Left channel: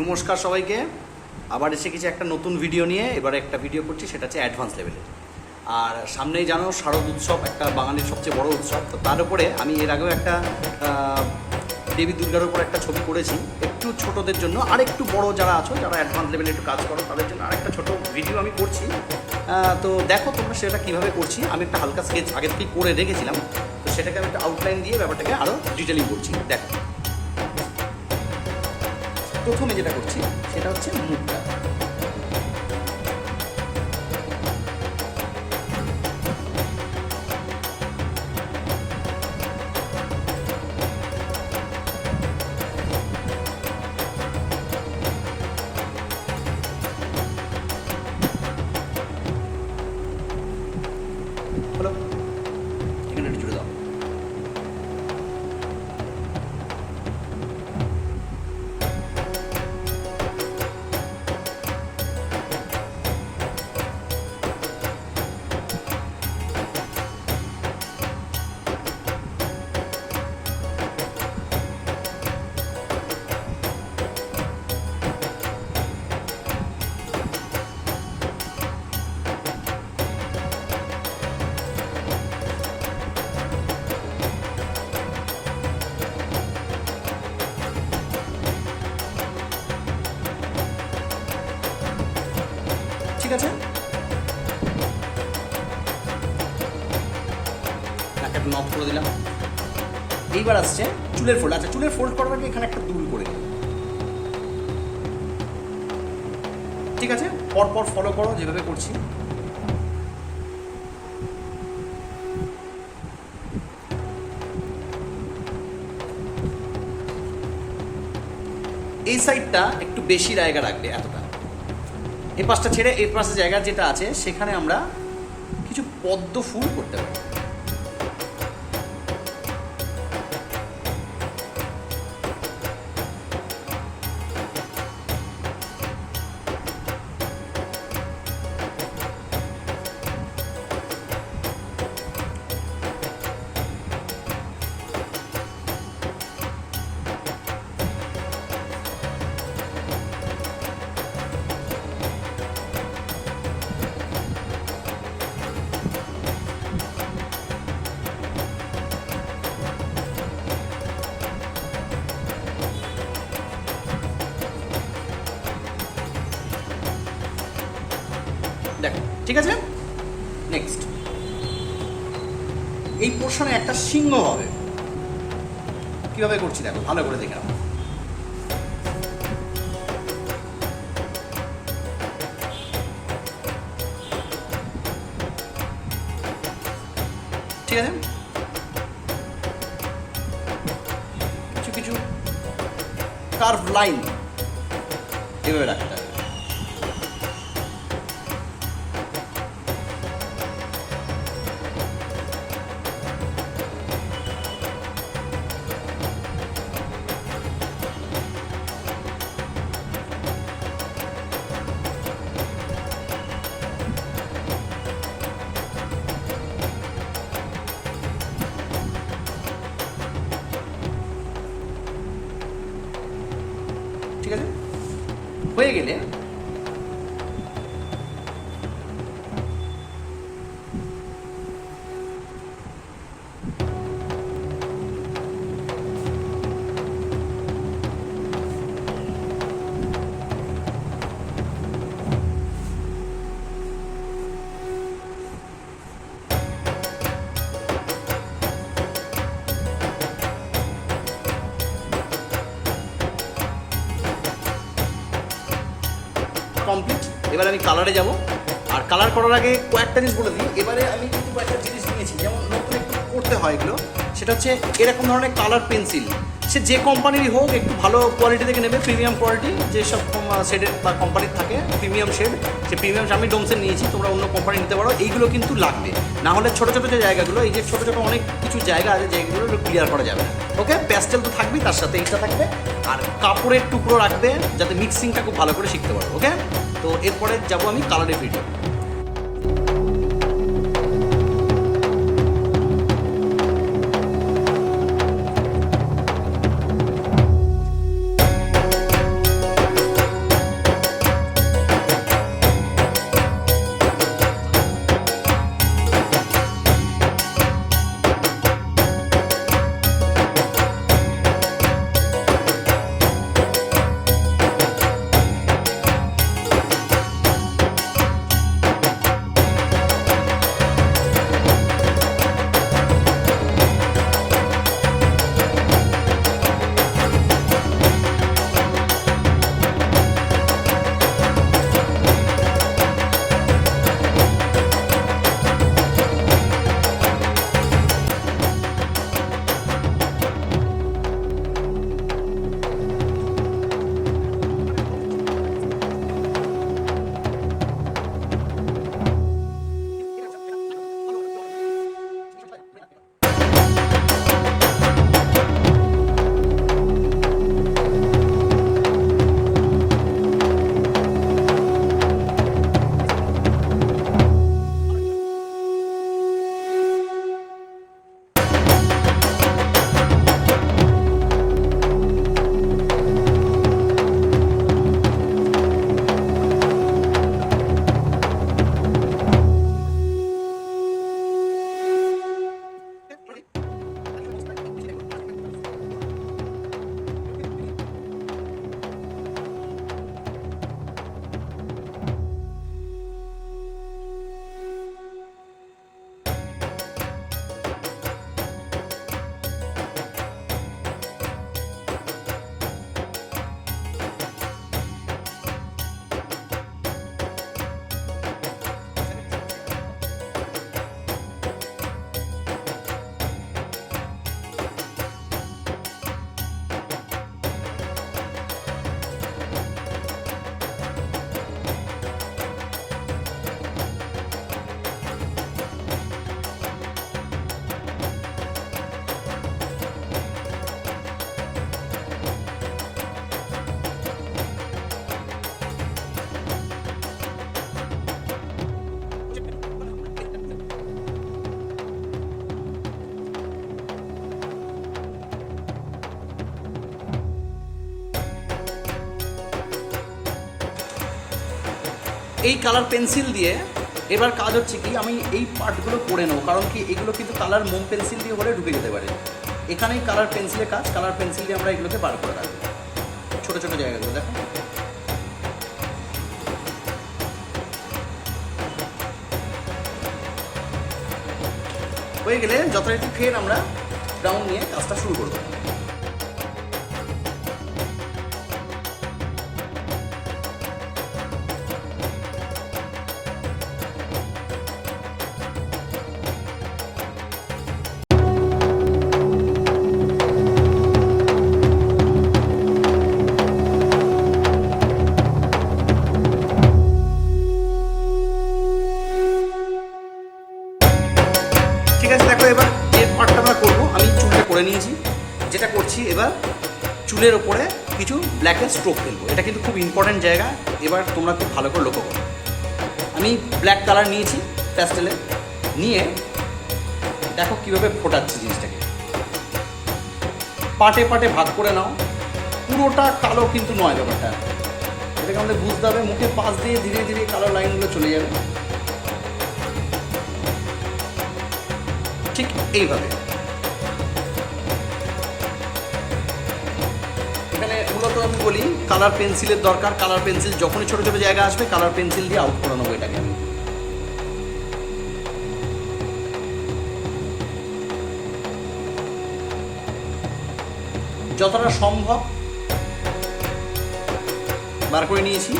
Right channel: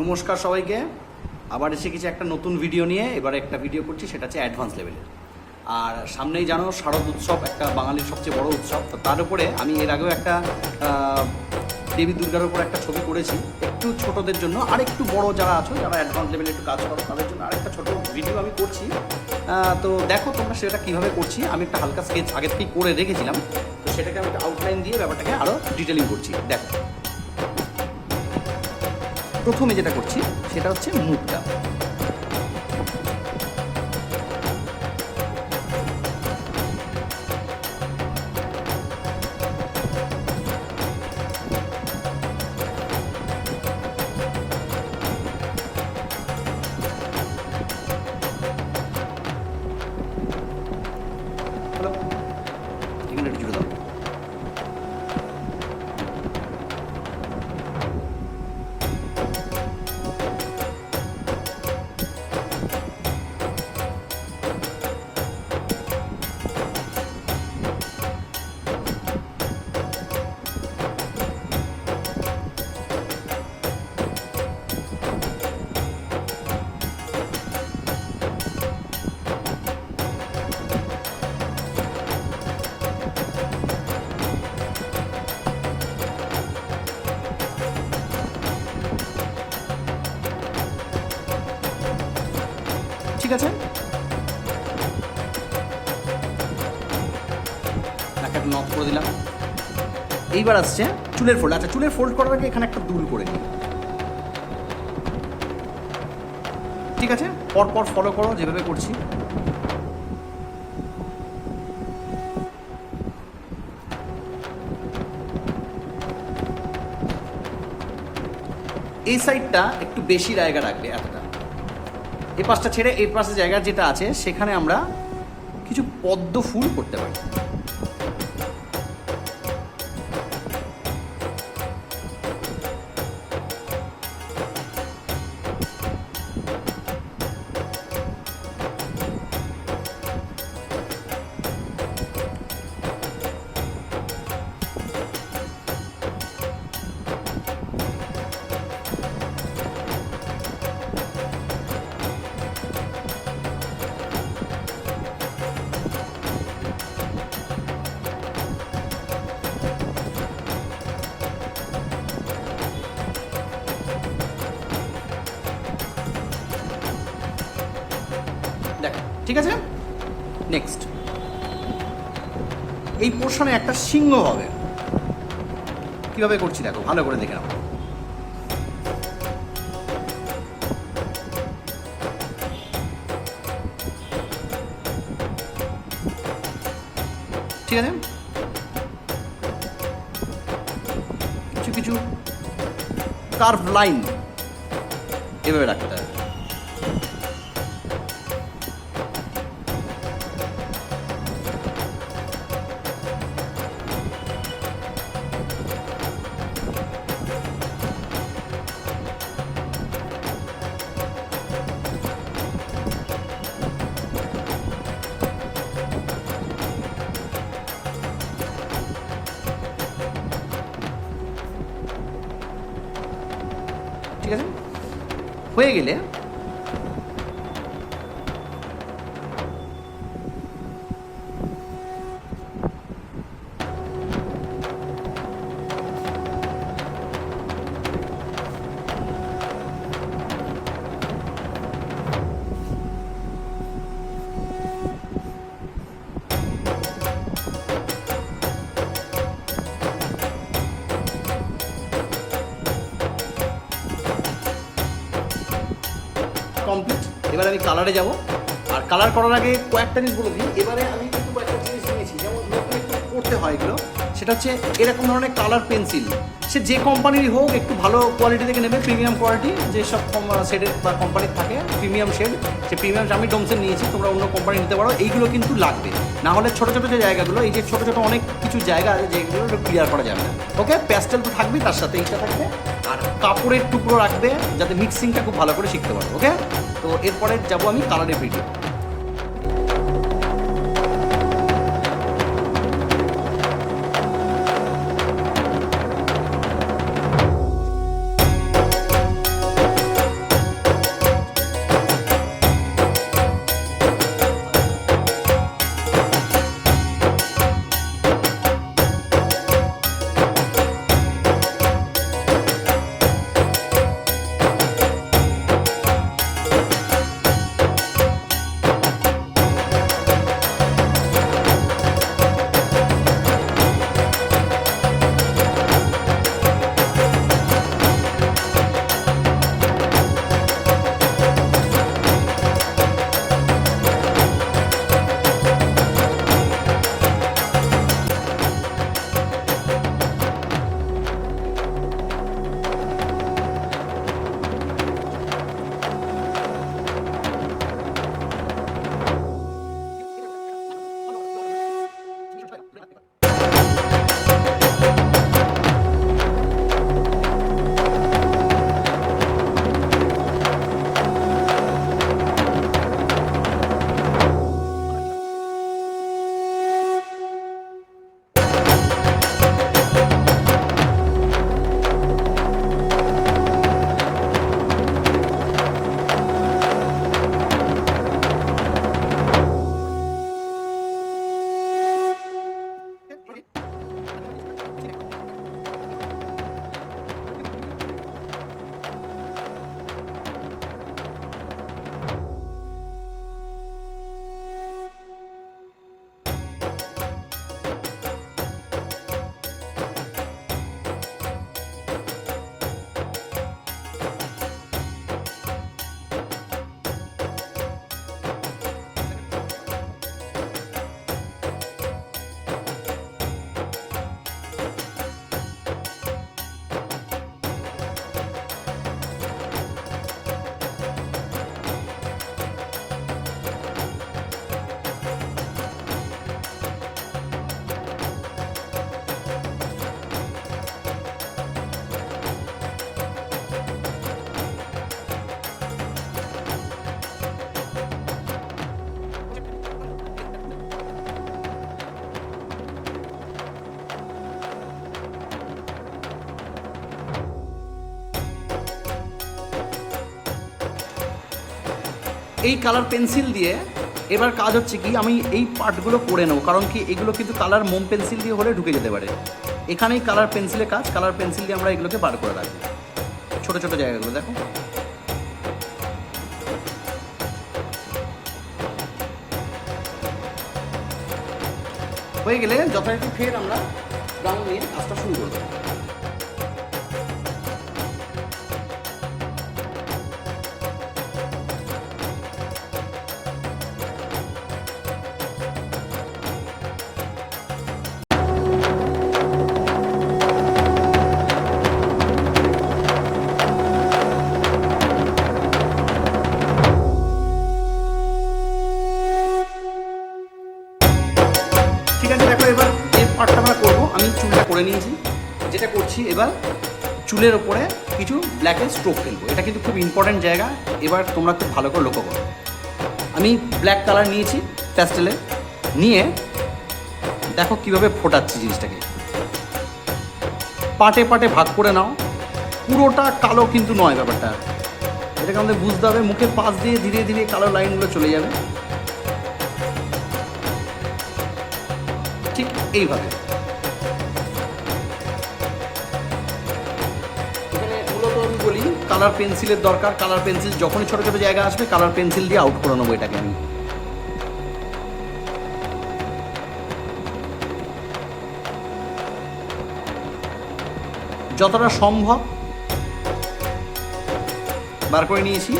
নমস্কার সবাইকে, আবার এসে গেছি একটা নতুন ভিডিও নিয়ে। এবারে একটা ভিডিও করছি, সেটা হচ্ছে অ্যাডভান্স লেভেলে। আর সামনেই জানো শারদ উৎসব, একটা বাঙালির সবচেয়ে বড় উৎসব। তো তার উপরে আমি এর আগেও একটা দেবী দুর্গার উপর একটা ছবি করেছি, একটু ছোটদের জন্য। আর একটু বড় যারা আছো, যারা অ্যাডভান্স লেভেলে একটু কাজ করো, তাদের জন্য আরেকটা ছোট ভিডিও আমি করছি। তো দেখো তোমরা সেটা কীভাবে করছি। আমি একটা হালকা স্কেচ আগের থেকে করে রেখেছিলাম, তো সেটাকে আমি একটা আউটলাইন দিয়ে ব্যাপারটাকে আরও ডিটেলিং করছি। দেখো প্রথমে যেটা করছি সেটা হচ্ছে মুখটা। হলো, এখানে একটু জুড়ে দাও। ঠিক আছে, নাকটা নক করে দিলাম। এইবার আসছে চুলের ফোল্ড। আচ্ছা, চুলের ফোল্ড করার আগে এখানে একটা দুল করে নিই। ঠিক আছে, পরপর ফলো করো যেভাবে করছি। এই সাইডটা একটু বেশি জায়গা রাখবে, এতটা। এই পাশটা ছেড়ে এই পাশে জায়গা যেটা আছে সেখানে আমরা কিছু পদ্ম ফুল করতে পারি। দেখো, ঠিক আছে। নেক্সট এই পোর্শনে একটা সিংহ হবে। কিভাবে করছি দেখো, ভালো করে দেখে নাও। ঠিক আছে, কিছু কিছু কার্ভ লাইন এভাবে রাখতে হবে। ঠিক আছে, হয়ে গেলে কমপ্লিট। এবার আমি কালারে যাব। আর কালার করার আগে কয়েকটা জিনিস বলে দিই। এবারে আমি কিন্তু কয়েকটা জিনিস নিয়েছি, যেমন নতুন একটু করতে হয় এগুলো। সেটা হচ্ছে এরকম ধরনের কালার পেন্সিল। সে যে কোম্পানিরই হোক, একটু ভালো কোয়ালিটি থেকে নেবে, প্রিমিয়াম কোয়ালিটি যেসব শেডের বা কোম্পানির থাকে প্রিমিয়াম শেড। সে প্রিমিয়াম আমি ডোমসের নিয়েছি, তোমরা অন্য কোম্পানি নিতে পারো। এইগুলো কিন্তু লাগবে, না হলে ছোটো ছোটো যে জায়গাগুলো, এই যে ছোটো ছোটো অনেক কিছু জায়গা আছে যেগুলো একটু ক্লিয়ার করা যাবে। ওকে, প্যাস্টেল তো থাকবেই, তার সাথে এইটা থাকবে। আর কাপড়ের টুকরো রাখবে, যাতে মিক্সিংটা খুব ভালো করে শিখতে পারো। ওকে, তো এরপরে যাবো আমি কালারের ভিডিও। এই কালার পেন্সিল দিয়ে এবার কাজ হচ্ছে কি, আমি এই পার্টগুলো করে নেবো, কারণ কি এগুলো কিন্তু কালার মোম পেন্সিল দিয়ে হলে ঢুকে যেতে পারে। এখানেই কালার পেন্সিলের কাজ, কালার পেন্সিল দিয়ে আমরা এগুলোকে বার করে রাখবো ছোটো ছোটো জায়গাগুলো। দেখো হয়ে গেলে যথারীতি ফের আমরা ব্রাউন নিয়ে কাজটা শুরু করবো। ঠিক আছে, দেখো এবার যে পার্টটা আমরা করবো, আমি চুলটা করে নিয়েছি। যেটা করছি এবার চুলের ওপরে কিছু ব্ল্যাকের স্ট্রোক ফেলবো। এটা কিন্তু খুব ইম্পর্ট্যান্ট জায়গা, এবার তোমরা খুব ভালো করে লক্ষ্য করো। আমি ব্ল্যাক কালার নিয়েছি প্যাস্টেলে, নিয়ে দেখো কীভাবে ফোটাচ্ছি জিনিসটাকে। পাটে পাটে ভাগ করে নাও, পুরোটা কালো কিন্তু নয় ব্যাপারটা, এটাকে আমাদের বুঝতে হবে। মুখের পাশ দিয়ে ধীরে ধীরে কালো লাইনগুলো চলে যাবে, ঠিক এইভাবে। এখানে মূলত আমি বলি কালার পেন্সিলের দরকার। কালার পেন্সিল যখনই ছোটো ছোটো জায়গা আসবে কালার পেন্সিল দিয়ে আউট করে নেবো এটাকে আমি। যতটা সম্ভব বার করে নিয়েছি।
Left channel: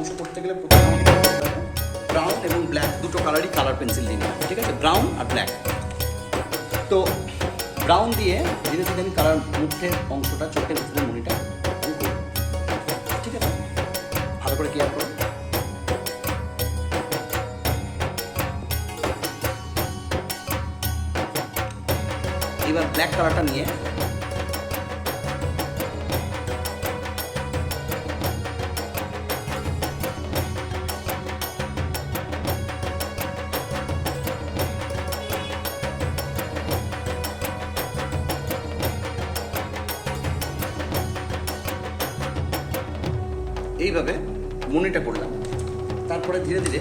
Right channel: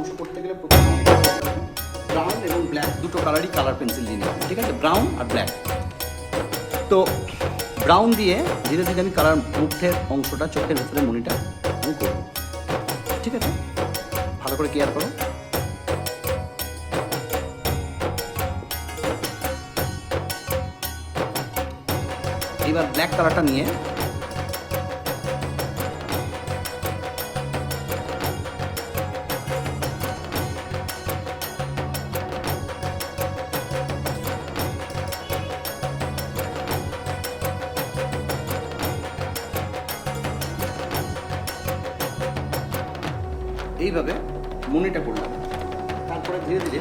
অংশ করতে গেলে প্রথমে আমাকে ব্রাউন এবং ব্ল্যাক দুটো কালারই কালার পেন্সিল দিয়ে নিলাম। ঠিক আছে, ব্রাউন আর ব্ল্যাক। তো ব্রাউন দিয়ে ধীরে ধীরে আমি কালার মুখের অংশটা, চোখের ভেতরে মনিটা আমি করব। ঠিক আছে, ভালো করে কেয়ার করো। এবার ব্ল্যাক কালারটা নিয়ে এইভাবে মনিটা করলাম। তারপরে ধীরে ধীরে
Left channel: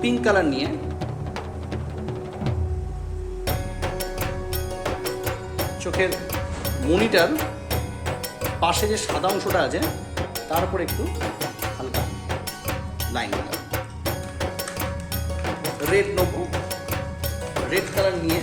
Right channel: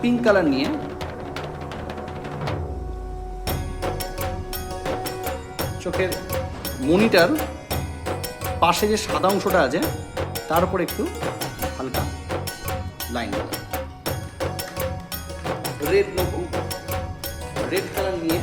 পিঙ্ক কালার নিয়ে চোখের মনিটার পাশে যে সাদা অংশটা আছে তার উপর একটু হালকা লাইন দিলাম। রেড নেব, রেড কালার নিয়ে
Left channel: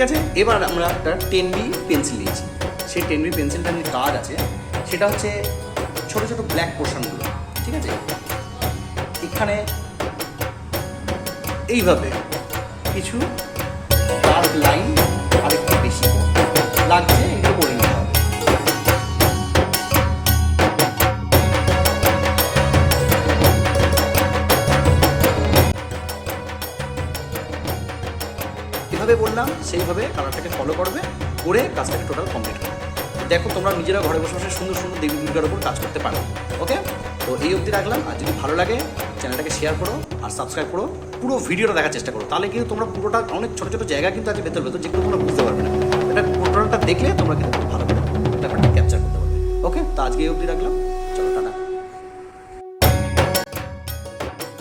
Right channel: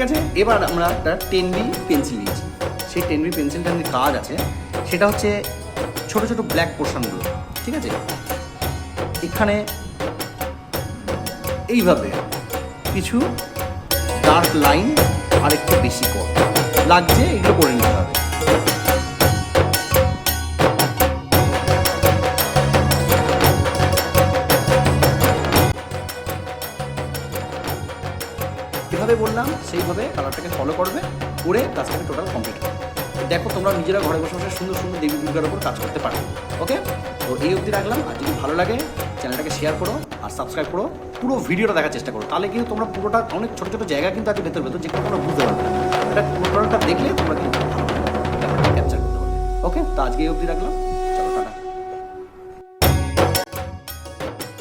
ঠিক আছে, এবার আমরা একটা 10B পেন্সিল নিয়েছি। সেই 10B পেন্সিলটা আমি কাজ আছে, সেটা হচ্ছে ছোটো ছোটো ব্ল্যাক পোর্শনগুলো, ঠিক আছে, এখানে এইভাবে কিছু ডার্ক লাইন আর একটু বেশি কম লাগছে, এগুলো করে নিতে হবে। যেভাবে বললাম সেইভাবে কালারটাকে ফলো করবে, করে কাজটাকে টোটাল কমপ্লিট করবে। দেখো তোমরা নিজেরা ঘরে বসে বসে সুন্দর সুন্দর দেবী দুর্গার উপর কাজ করতে পারবে। ওকে, তো এই অবধি রাখলাম। আর যদি ভালো লাগে চ্যানেলটাকে শেয়ার করো আর সাবস্ক্রাইব করো, পুরো ভিডিওটা দেখার চেষ্টা করো, তাহলে কিন্তু তোমরা পুরোটা, অনেক ছোটো ছোটো জায়গা কিন্তু আছে ভেতর ভেতর, যেগুলো তোমরা বুঝতে পারবে না। এটা টোটালটা দেখলে তোমরা কিন্তু খুব ভালো করে ব্যাপারটা ক্যাপচার করতে পারবে। ওকে, তো আজকে এই অবধি রাখলাম।